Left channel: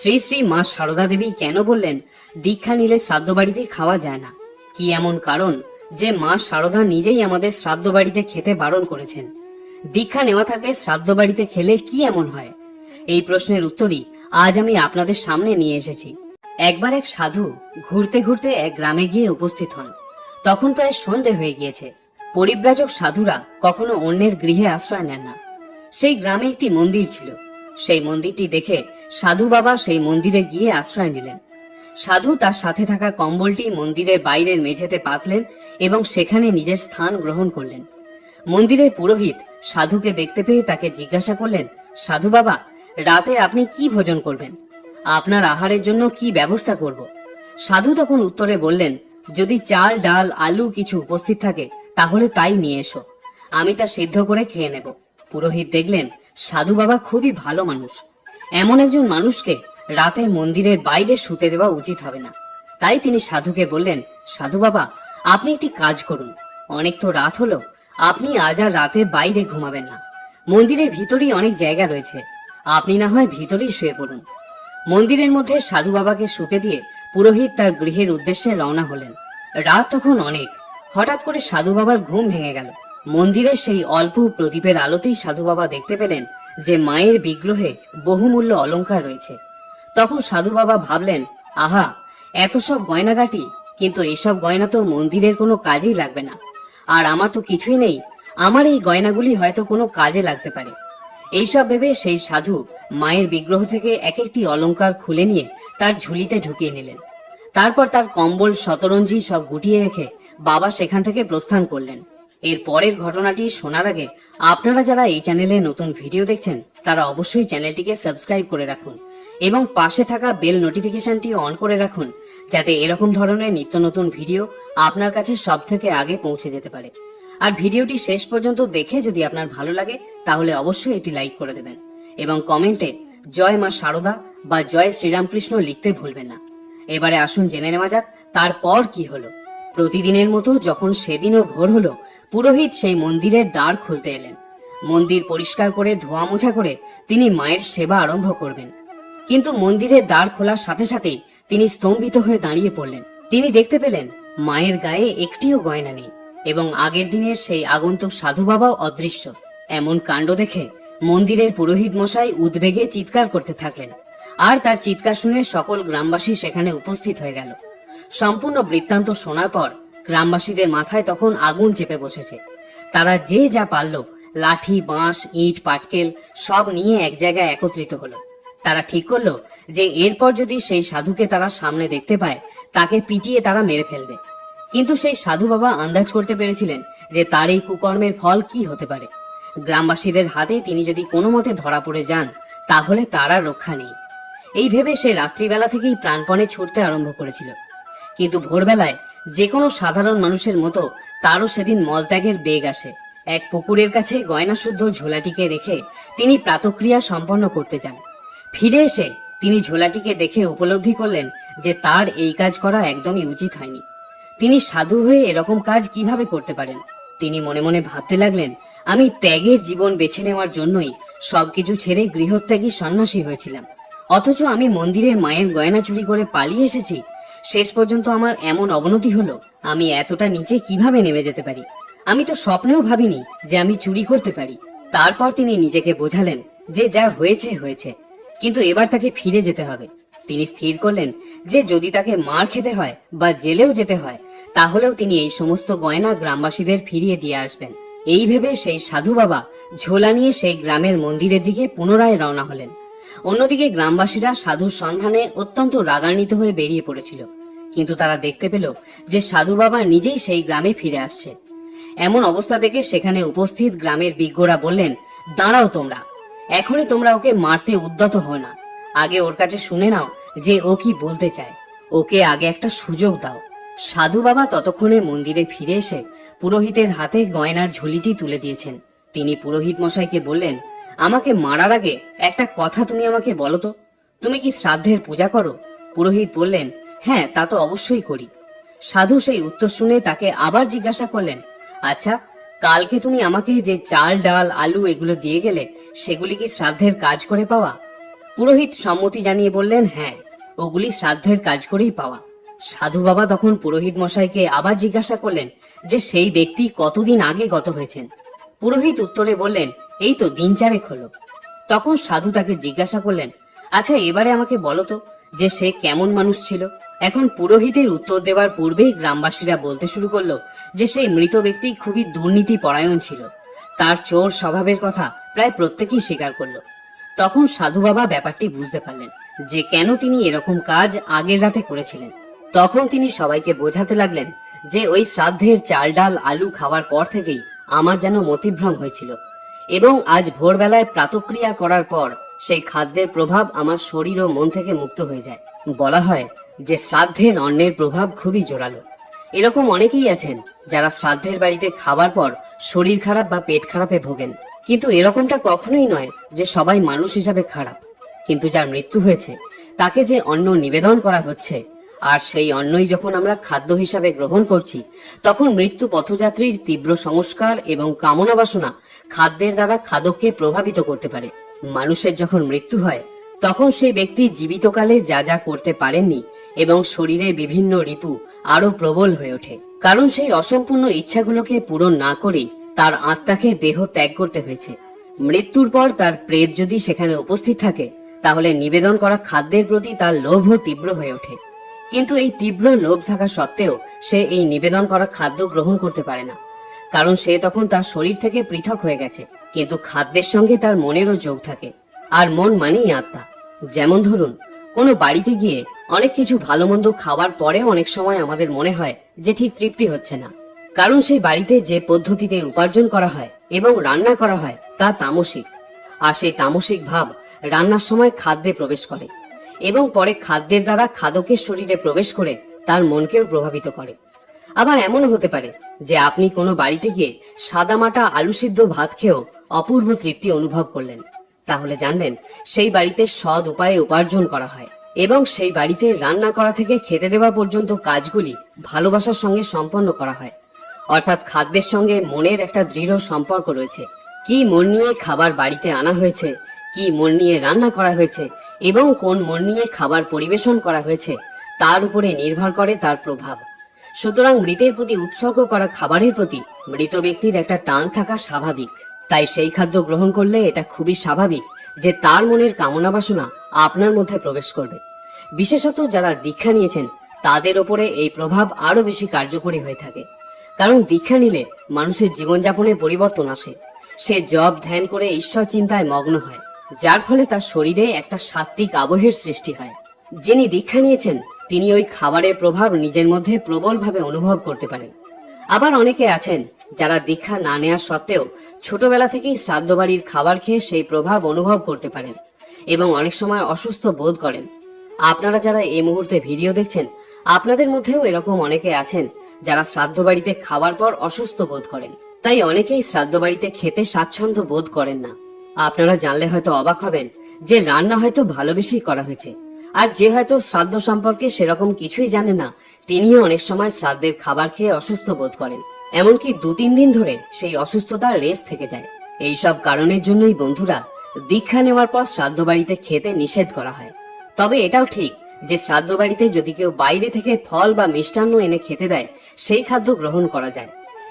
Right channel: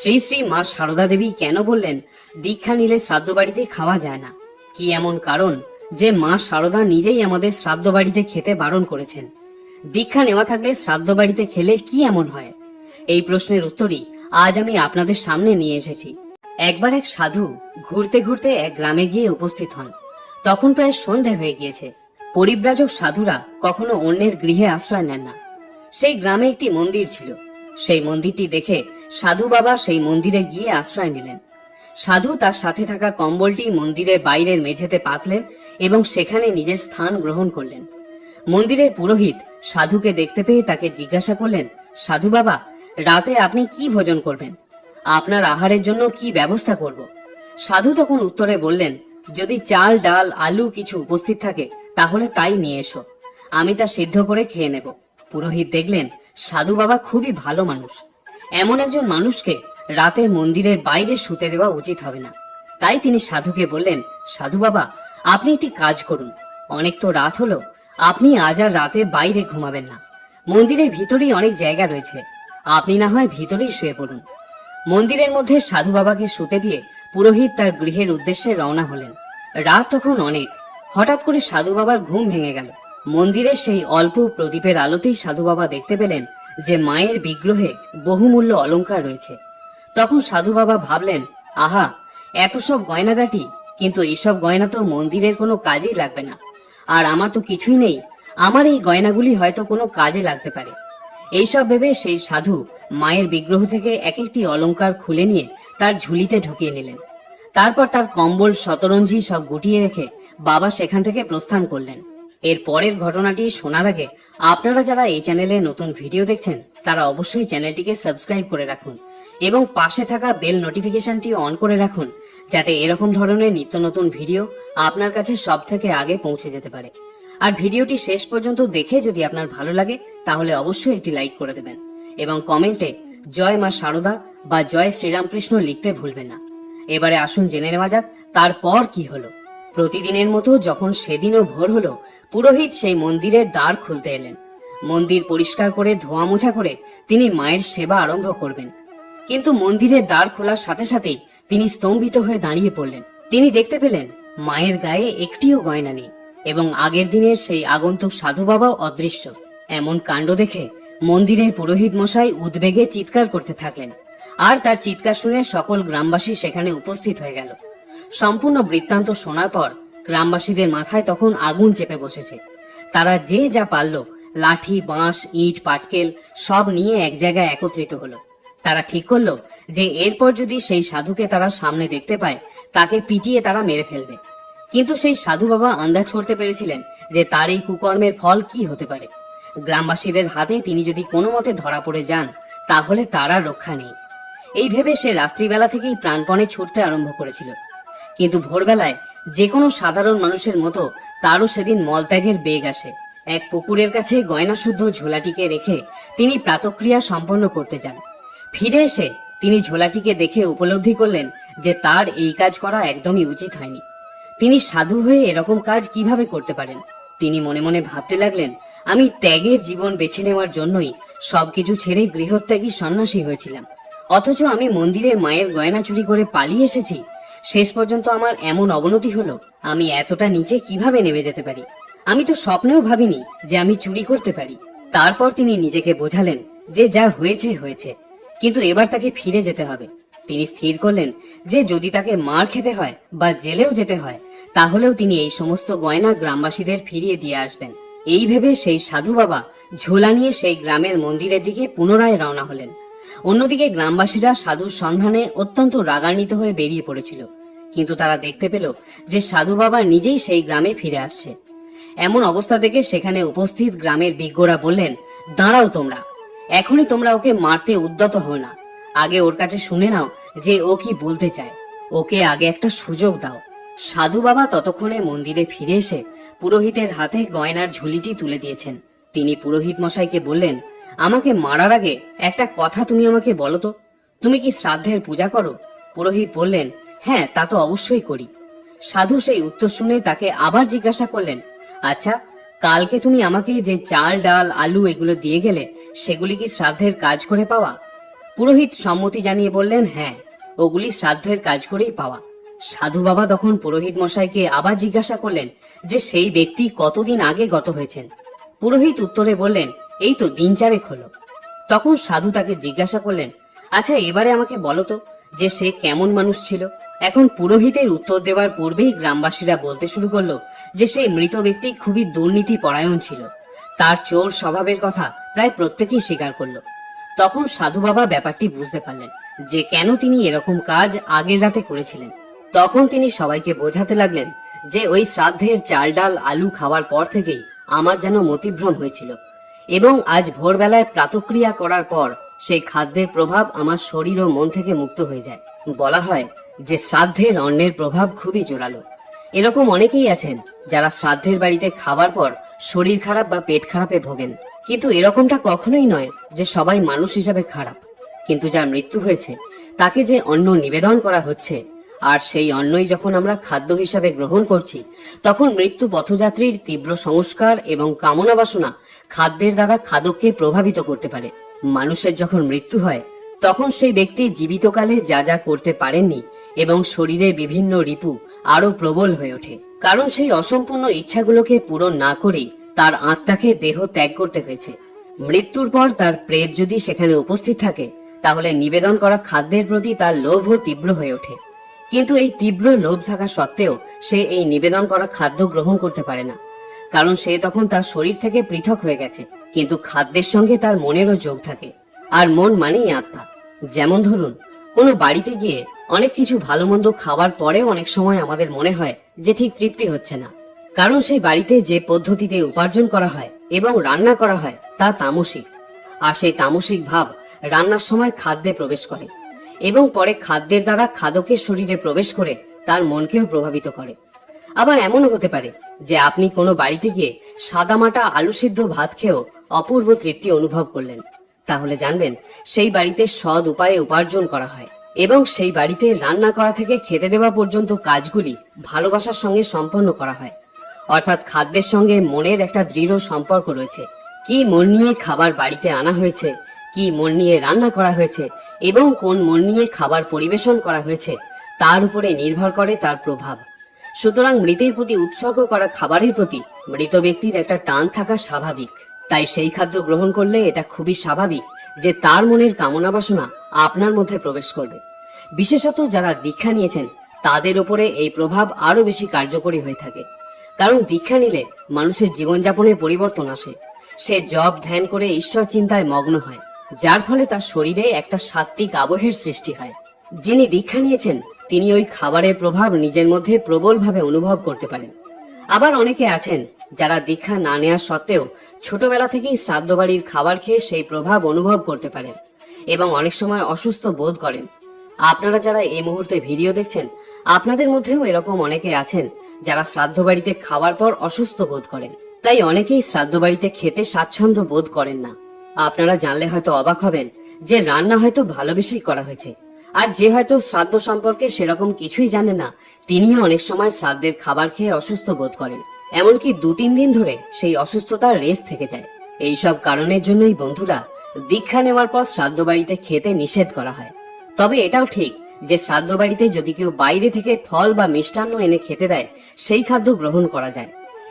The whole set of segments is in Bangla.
শ্রী শ্রী মা সারদা দেবী কেন বললেন, দীক্ষা নিলে শ্রাদ্ধ বাড়িতে খাওয়া যায় না। কি এমন কারণ যে মা সারদা নিজেই আমাদের শ্রাদ্ধ বাড়িতে খেতে বারণ করেছেন। দীক্ষা নেওয়া থাকলে শ্রাদ্ধ বাড়িতে খেলে কি এমন হয়? এই প্রশ্নের উত্তরই আজ আমি আপনাদের সামনে নিয়ে এসেছি। একবার এক সাধু ঘুরতে ঘুরতে এক গ্রামে গিয়ে উপস্থিত হন। তখন প্রায় সন্ধে হয়ে গিয়েছে। পরিব্রাজক সাধুরা কখনো অন্যের গৃহে আশ্রয় নেন না। সেই গ্রামে একটি মন্দির ছিল। সেই মন্দিরটি দেখে সাধু বাবা সেই মন্দিরে গিয়ে আশ্রয় নিলেন। সাধু তার সাথে থাকা কম্বলটি মন্দিরের বাইরের মেঝেতে পাতলেন এবং সেখানে নিজের স্থান গ্রহণ করলেন। মন্দিরের পুরোহিত সাধুকে দেখতে পেয়ে তাকে জিজ্ঞাসা করলেন, সাধু বাবা, রাতে আপনি কি ভোজন করবেন? আপনার আহারের জন্য কি ব্যবস্থা করব? সাধু তখন উত্তরে বললেন, যদি চাল, ডাল, আলু কিছু উপস্থিত থাকে, তাহলে তাই নিয়ে এসো। আমি তা সিদ্ধ করে খেয়ে নেব। পুরোহিত দেখলেন সাধু বাবা খুবই ভালো মানুষ। এমন একজন মানুষকে রাতে মন্দিরের বাইরে শুতে দেওয়া উচিত হবে না। তাই তিনি সাধুকে বললেন, সাধু বাবা, আপনি একটি কাজ করুন। অনেক তো রাত হলো, আপনি আজ আর রাতে বাইরে ঘুমাবেন না। মন্দিরের ভিতরেই অনেক জায়গা রয়েছে। আপনি না হয় ভিতরেই শুয়ে পড়ুন। মন্দিরের মধ্যে সাধু বাবাকে শুতে দিয়ে পুরোহিত তার গৃহের উদ্দেশ্যে রওনা হলেন। রাত তখন অনেক। হঠাৎ করে সাধু বাবার ঘুম ভেঙে গেল। মন্দিরের সেই অল্প প্রদীপের আলোতেই সাধু বাবা দেখতে পেলেন যে মায়ের বিগ্রহে বহুমূল্য অলংকার রয়েছে। তখন সাধু বাবা ভাবলেন, আহা, এত সব গয়নাগাটি, কিন্তু এসব গয়না তো মন্দিরের কোনো কাজেই লাগবে না। আর আমার তো কিছুই নেই, আমার এই গয়নাগুলি হয়তো কোনো কাজে লাগতে পারে। এইসব ভেবে সেই সাধু মায়ের বিগ্রহ থেকে এক একটি অলংকার খুলে নিয়ে তার ঝুলিতে ঢুকিয়ে নিলেন। তারপর তার কম্বল, শতরঞ্জি সব গুটিয়ে রেখে বাবা সেখান থেকে প্রস্থান করলেন। এর পরের ঘটনাটি শোনার আগে আপনারা যারা এই চ্যানেলে নতুন ভিডিও দেখছেন, তারা অবশ্যই চ্যানেলটিকে সাবস্ক্রাইব করে রাখুন এবং পাশে থাকা বেল নোটিফিকেশনটি অন করে রাখুন, যাতে এরকম ধরনের নিত্য নতুন ভিডিও আপনার কাছে সব থেকে আগে পৌঁছে যেতে পারে। আর ভিডিওটি শেষ পর্যন্ত দেখে যদি আপনার ভালো লাগে, তাহলে অবশ্যই একটি লাইক করে দেবেন এবং কমেন্টে জয় মা শারদা বা জয় শ্রীরামকৃষ্ণ লিখতে ভুলবেন না। এবারে আসুন জেনে নেওয়া যাক, তারপর কি হলো। প্রতিদিনের মতো যখন সেদিনও ভোর হলো, পুরোহিত সেই মন্দিরের দ্বার খুলতে এলেন। মন্দির পরিষ্কার করে ধোয়া মোছা করে তিনি মায়ের সেবা আরম্ভ করবেন। কিন্তু মন্দিরের দ্বার খোলার সাথে সাথেই তিনি স্তম্ভিত হয়ে দাঁড়িয়ে পড়লেন। তিনি দেখতে পেলেন, মায়ের গায়ে একটিও গয়না নেই এবং আগের দিনের সেই আগন্তুক সাধু বাবাও অদৃশ্য। এমন কাণ্ড দেখে মন্দিরের পুরোহিত মশাই উদ্বেগে চিৎকার করতে থাকলেন। আর তার চিৎকার শুনে সকল গ্রামবাসী সেখানে উপস্থিত হয়ে গেল। সম্পূর্ণ বৃত্তান্ত শোনার পর গ্রামবাসীদের মাথায় তখন আগুন চেপে বসেছে। তারা যে যা পারল, লাঠি, বাঁশ, ইট, পাটকেল সব নিয়ে এক জায়গায় একত্রিত হলো। তারা ঠিক করল যে এরপর যদি সেই সাধুকে তারা সামনে দেখতে পায়, তাকে পিটিয়ে তারা মেরে ফেলবে। কিন্তু সেই সাধু বাবা আন্দাজ করতে পেরেছিলেন যে তার এই কুকর্মের ফল কি হতে পারে। গ্রামবাসীদের হাতে তিনি যদি কোনো মতে ধরা পড়ে যান, তাহলে তারা রক্ষা নেই। এই ভেবে সে রাত্রিবেলা থেকেই প্রাণপণে ছুটতে আরম্ভ করেছিল। কিন্তু ভোরবেলায় যে কোনো সাধারণ মানুষের মতো তারও সেদিন মলত্যাগের বেগ আসে। এক পুকুরের কাছে গয়না শুদ্ধ ঝোলাটিকে রেখে তিনি প্রাতক্রিয়া সম্পন্ন করতে যান। ফিরে এসে তিনি ঝোলাটিকে দেখে উপলব্ধি করলেন যে তার এই কাজ করা একদমই উচিত হয়নি। তিনি সাধু হয়ে এরকম কাজ কীভাবে করতে পারেন? তিনি মনে মনে ভাবতে লাগলেন, আমি ত্যাগের জীবন বেছে নেওয়ার জন্যই সবকিছু ছেড়ে গৃহত্যাগী সন্ন্যাসী হয়েছিলাম। অথচ আমি মন্দিরে মায়ের গয়না চুরি করে পালিয়ে এসেছি। শেষ পর্যন্ত আমার এমন অবনতি হলো, আমি এতটা নিচে কীভাবে নেমে যেতে পারি? আমি তো স্বপ্নেও ভাবিনি যে আমি চুরি করতে পারি। তারপর তিনি নিজেকে বোঝালেন যে যা হয়েছে হয়েছে। কিন্তু এবার তাকে ফিরে যেতে হবে। তিনি স্থির করলেন যে যদি তাকে মার খেতে হয় বা জেলেও যেতে হয়, তাহলেও তিনি এই সমস্ত গয়না গ্রামবাসীদের ফিরিয়ে দিয়ে আসবেন। এই ভেবে সেই সাধু বাবা ঝোলা নিয়ে সেই গ্রামের মন্দিরের দিকে পুনরায় রওনা হলেন। অন্যদিকে গ্রামবাসীরা সাধুর সন্ধানে অত্যন্ত রাগান্বিত হয়ে বেরিয়ে পড়েছিল। কিন্তু তারা দেখতে পেল যে সাধু বাবা নিজেই সেই গ্রামে ফিরে আসছে। এমন অবস্থা থেকে সেখানে উপস্থিত গ্রামের বিজ্ঞরা বললেন, দাঁড়াও তোমরা। এখনই তোমরা ওকে মারতে উদ্যত হও না। আগে ওর কাছে শুনে নাও যে ও কি বলতে চায়। ওকে আগে একটা সুযোগ দাও। সাধু বাবা ততক্ষণে মন্দিরে ফিরে এসে পুরোহিতের হাতে গয়নার ঝুলিটি তুলে দিয়েছেন। তিনি পুরোহিত মশাইকে বললেন আমাকে মারার আগে একটা কথা তুমি আমাকে বলো তো। তুমি কি শ্রাদ্ধের পূজা করো? পুরোহিত বললেন হ্যাঁ তা তো অবশ্যই করি। সাধু সেই উত্তর শুনে তাকে আবার জিজ্ঞাসা করলেন আচ্ছা কালকে তুমি আমাকে যে চাল, ডাল, আলু এগুলো দিয়ে গেলে সেগুলি কি শ্রাদ্ধের কাজ করে পাওয়া? পুরোহিত সম্মতি জানিয়ে বললেন হ্যাঁ ওগুলি শ্রাদ্ধের কাজ করেই পাওয়া। সাধু বাবা তখন পুরোহিত মশাইকে আবার জিজ্ঞাসা করলেন যে সেই ব্যক্তি কতদিন আগে গত হয়েছেন। পুরোহিত উত্তরে বললেন এই তো দিন চারেক হলো। তখন সাধু তাকে জিজ্ঞাসা করলেন আচ্ছা এবারে আমাকে বলো তো, যে সে কেমন মানুষ ছিল? এখন পুরোহিতের উত্তর দেওয়ার পূর্বেই গ্রামবাসীরা বলতে শুরু করল যে সেই মৃত ব্যক্তি খুবই দুর্নীতি পরায়ণ ছিল। তার চোর স্বভাবের কথা প্রায় প্রত্যেকেই স্বীকার করল। তখন সাধু বাবা ব্যাপারটি বুঝতে পারলেন যে কেন তিনি এরকম কাজ আগের রাতে করেছিলেন। তখন তিনি সবাইকে বোঝাতে লাগলেন যে ওই শ্রাদ্ধের চাল ডাল আলু খাওয়ার পর থেকেই আমার যেন মতিভ্রম হয়েছিল। এবং আজ ভোরবেলায় প্রাতক্রিয়া করার পর সেই খাদ্যের প্রভাব আমার শরীর ও মন থেকে মুক্ত হয়ে যায়। বলা হয় যে শ্রাদ্ধের অন্নের প্রভাব খুবই জোরালো। এরকম অনেকেই আছেন যারা শ্রাদ্ধের বাড়িতে খাবার পর শরীর খারাপ বা পেট খারাপে ভোগেন। কিন্তু এরকমটা কখনোই নয় যে সবাই মানুষ হিসাবে খারাপ। কিন্তু যার মৃত্যু হয়েছে, তাকে যে অন্ন নিবেদন করা হচ্ছে আর সেই অন্নই যখন আমরা খাদ্য হিসাবে গ্রহণ করছি, তখন মৃত্যু পথযাত্রীর তীব্র সংস্কার এবং কামনা বাসনা খাদ্যের দ্বারা খাদককে প্রভাবিত করতে পারে। মানুষের যখন মৃত্যু হয়, তখন সেই ব্যক্তি জীবিতকালে যা যা করতে পারেননি এবং শরীরের বিভিন্ন রিপু আরও প্রবল হয়ে ওঠে। কারণ সেই অসম্পূর্ণ ইচ্ছাগুলোকে পূরণ না করেই তার আত্মাকে দেহ ত্যাগ করতে হয়েছে। মৃত্যুর পর তার প্রেত যদি সেখানে উপস্থিত থাকে, তাহলে নিবেদন করা খাদ্যের প্রতি তার লোভও তীব্র হয়ে ওঠে। কিন্তু এই তীব্র লোভ থাকা সত্ত্বেও সে এই নিবেদন করা খাদ্য গ্রহণ করতে পারে না। কারণ সে তখন তার শরীর থেকে পৃথক হয়ে গেছে, কিন্তু খাদ্যের সঙ্গে তার মনেরও যোগ থাকে। আর মন মানেই আত্মা। যেমন ধরুন, কোনো বাড়িতে গিয়ে অনেক কিছু ভালো মন্দ খাওয়ার পরেও অনেক সময় আমাদের মনে হয় যে ঠিক তৃপ্তি হচ্ছে না। কারণ সেই বাড়িতে যে পদ্ধতিতে উপার্জন করা হয় এবং রান্না করা হয় তা তামসিক। আর সেই তামসিক ভাব রান্নার সময় খাদ্যে প্রবেশ করে। এবং পরে খাদ্যের দ্বারা খাদকের শরীরে প্রবেশ করে তার মনকেও প্রভাবিত করে। আবার এমনও হতে পারে যে আপনি কোনো বাড়িতে গিয়ে সাদামাটা আলু সিদ্ধ ভাত খেয়েও অপূর্ব তৃপ্তি অনুভব করলেন। তাহলে জানবেন, সেই বাড়িতে সৎ উপায়ে উপার্জন করা হয় এবং সেই বাড়িতে রান্না করা থেকে খেতে দেওয়া পর্যন্ত কাজগুলি ভালোবাসার সঙ্গে সম্পন্ন করা হয়। অর্থাৎ খাদ্যের সঙ্গে মনের একটা দৃঢ় সম্পর্ক রয়েছে। কি মন নিয়ে খাবার বাড়িতে আনা হয়েছে, কি মন নিয়ে রান্না করা হয়েছে এবং কোন মন নিয়ে খাবার পরিবেশন করা হয়েছে, তার উপরে নির্ভর করে তার প্রভাব। সুতরাং মৃতের প্রতি উৎসর্গ করা খাবারের প্রতি মৃত ব্যক্তির একটা টান থাকা স্বাভাবিক। তাই সেই খাদ্য গ্রহণ করলে এটা খুবই স্বাভাবিক যে তার মনের কামনা বাসনা আপনার মধ্যে প্রবেশ করবে। বিশেষত যারা দীক্ষা নিয়েছেন, তাদের ওপরে এই প্রভাব আরও বেশি কার্যকরী হয়ে থাকে। কারণ দীক্ষা নিলে মানুষের জীবনযাপনে পরিবর্তন আসে। সে জব ধ্যান করে ঈশ্বর চিন্তায় মগ্ন হয়। যার ফলে তার শরীরে একটা সাত্বিক আবহের সৃষ্টি হয়। যিনি দীক্ষা নিয়েছেন, তিনি ওই খাবারের প্রভাব নিজের মধ্যে প্রবলভাবে অনুভব করতে পারেন। আবার অনেকে আছেন, যারা দীক্ষা না নেওয়া সত্ত্বেও ছোটবেলা থেকেই শ্রাদ্ধ বাড়ির খাবার খেয়ে সেই প্রভাব অনুভব করতে পারেন এবং অনেক সময় অসুস্থ বোধ করেন। আপনারা যারা এই মুহূর্তে ভিডিও দেখছেন, আপনাদের মধ্যেও এরকম অনেকে আছেন, যারা শ্রাদ্ধ বাড়িতে খাবার পর অসুস্থ বোধ করেন। তাই অনেকেই শ্রাদ্ধ বাড়িতে খেতে স্বাচ্ছন্দ্য বোধ করেন না। আপনারা জানলে হয়তো অবাক হবেন যে রান্না হয়তো ভালোবেসেই করা হয়েছে। আর যে হয়তো শ্রাদ্ধ সম্পর্কে সেরকম কিছুই জানে না, তিনিও অনেক সময় শ্রাদ্ধের খাবার খেয়ে অসুস্থ বোধ করেন। এমনকি দু তিন দিন ধরে সেই অসুস্থতার রেস থেকে যায়। এই সব কারণের জন্যই বন্ধুরা দীক্ষা নেওয়ার পর শ্রাদ্ধ বাড়িতে খেতে নিষেধ করা হয়। তবে এটাও ঠিক যে শ্রাদ্ধ বাড়িতে যদি কেউ বাইরে থেকে ফল বা মিষ্টান্ন এনে খেতে দেয়, সেই খাদ্য গ্রহণ করা যায়।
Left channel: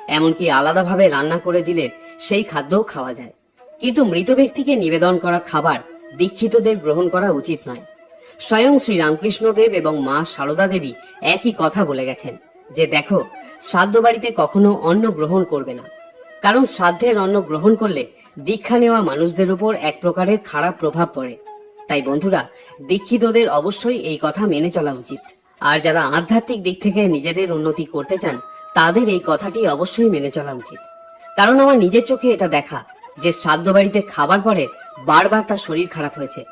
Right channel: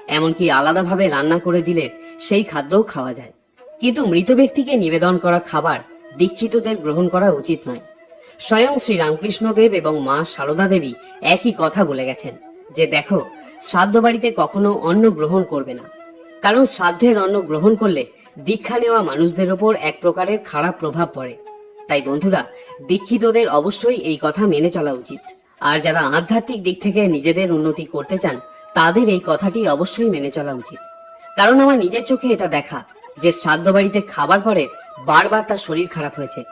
এমনকি আলাদাভাবে রান্না করে দিলে সেই খাদ্যও খাওয়া যায়। কিন্তু মৃত ব্যক্তিকে নিবেদন করা খাবার দীক্ষিতদের গ্রহণ করা উচিত নয়। স্বয়ং শ্রী রামকৃষ্ণদেব এবং মা সারদা দেবী একই কথা বলে গেছেন যে, দেখো, শ্রাদ্ধ বাড়িতে কখনো অন্ন গ্রহণ করবে না। কারণ শ্রাদ্ধের অন্ন গ্রহণ করলে দীক্ষা নেওয়া মানুষদের উপর এক প্রকারের খারাপ প্রভাব পড়ে। তাই বন্ধুরা, দীক্ষিতদের অবশ্যই এই কথা মেনে চলা উচিত। আর যারা আধ্যাত্মিক দিক থেকে নিজেদের উন্নতি করতে চান, তাদের এই কথাটি অবশ্যই মেনে চলা উচিত। কারণ আমার নিজের চোখে এটা দেখা যে শ্রাদ্ধ বাড়িতে খাবার পরে বারবার তার শরীর খারাপ হয়েছে।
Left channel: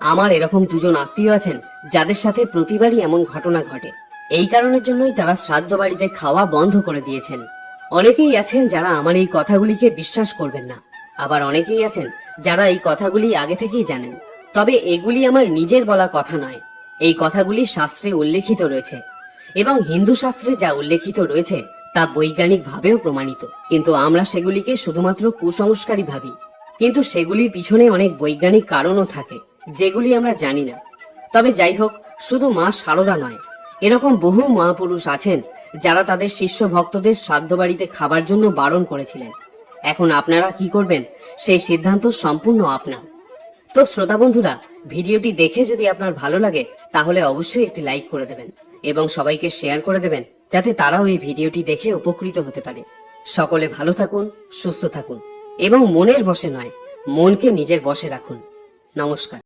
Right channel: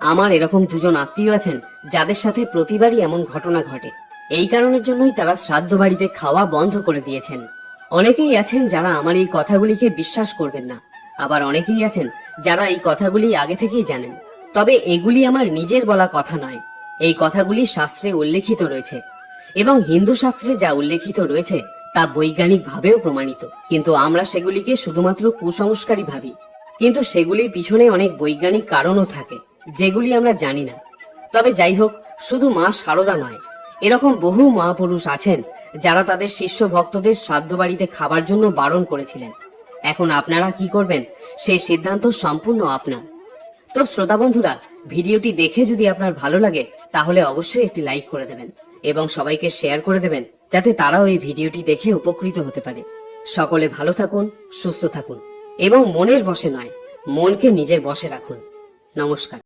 আমার এরকম দুজন আত্মীয় আছেন, যাদের সাথে প্রতিবারই এমন ঘটনা ঘটে। এই কারণের জন্যই তারা শ্রাদ্ধ বাড়িতে খাওয়া বন্ধ করে দিয়েছেন। অনেকেই আছেন যারা আমার এই কথাগুলিকে বিশ্বাস করবেন না। আবার অনেকেই আছেন যারা এই কথাগুলি আগে থেকেই জানেন। তবে এগুলি আমার নিজের বলা কথা নয়। এই কথাগুলি শাস্ত্রে উল্লেখিত রয়েছে। এবং হিন্দু শাস্ত্রে যা উল্লেখিত রয়েছে তা বৈজ্ঞানিক ভাবেও প্রমাণিত। কিন্তু আমরা সেগুলিকে শুধুমাত্র কুসংস্কারই ভাবি। কিন্তু সেগুলির পিছনে অনেক বৈজ্ঞানিক কারণও থাকে, যেগুলি আমরা জানি না। তবে যাই হোক, শুধু মা সারদা নয়। এরকম বহু মহাপুরুষ আছেন, যারা তাদের শিষ্য ভক্তদের শ্রাদ্ধ বাড়িতে খাবার জন্য বারণ করেছিলেন। এখন আপনারা কি করবেন? সেই সিদ্ধান্ত সম্পূর্ণ আপনার। তো শ্রোতা বন্ধুরা, ভিডিওটি দেখে যদি আপনার ভালো লাগে, তাহলে অবশ্যই একটি লাইক করে দেবেন এবং সবাইকে শেয়ার করে দেবেন। যাতে তারাও এই ভিডিওটি দেখে উপকৃত হতে পারে। সকলে ভালো থাকুন, সুস্থ থাকুন এবং মনের বসে নয়, মনকে নিজের বসে রাখুন। নমস্কার।